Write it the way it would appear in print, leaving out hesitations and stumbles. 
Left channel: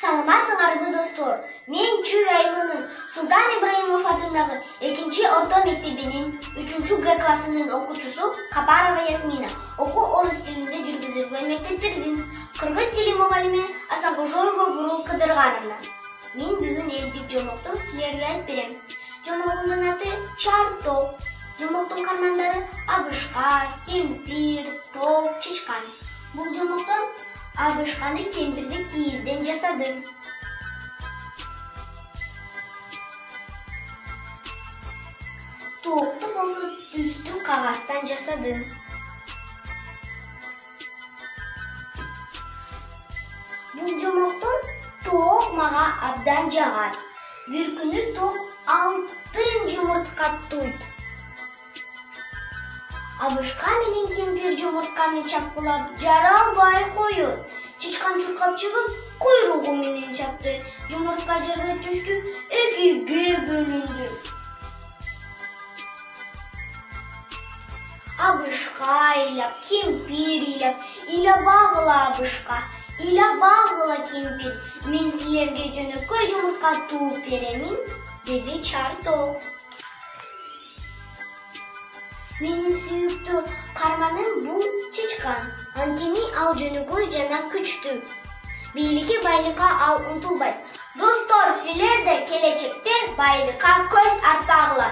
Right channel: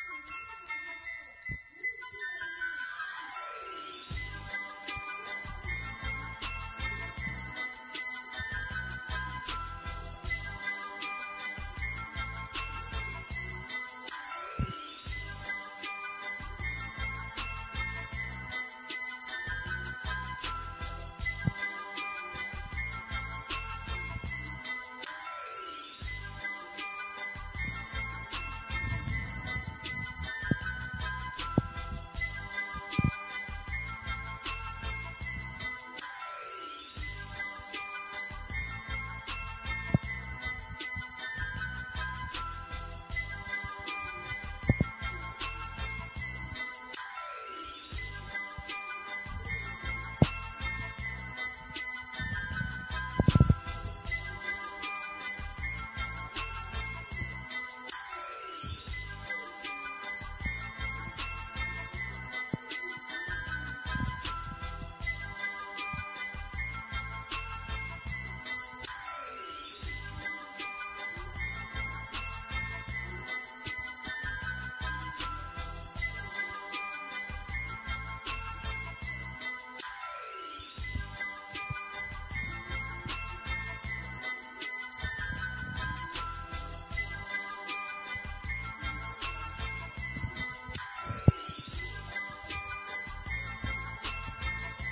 Саламатсыңарбы достор. Мен Чүй айылынын Султан Ибраимов атындагы 2-чи орто мектебинин 3-чү Г классынын окуучусу Капарова Ясмина. Окуу орус тилинде жүргүзүлгөн мектептердин кыргыз тили мугалими Асанкошоева Бурул Кыдыргановна. Мен бүгүн элдик жомокту силерге айтып берем. Жомогунун аты Чартоп. Жомоктун кармандары абышка, кемпир, топ, чычкан. Бул жомоктон абышканы кемпирди кийизден жасадым. Топту болсо түстү кагаздан жасадым. Бул жомоктон топ мага абдан жагат. Бир күнү топ алтын жумуртка туйт. Абышка менен кемпир жумуртканы чапкылап жара албай коет. Чычкан чуркап чыгып, куйругу менен чапты. Жумуртка жерге түштү, экиге бөлүндү. Абышка ыйлап, кемпир ыйлап, ыйлабагыла абышка, ыйлабагыла кемпир. Мен силерге жөнөкөй жумуртка тууп беремин, деди Чартоп. Менин сүйүктүү карманым бул чычкан. Анткени ал жөнөкөй жана күчтүү. Бийликке байлыкка ал умтулбайт. Достор, силер да келечекте байлыкка көз артпагыла.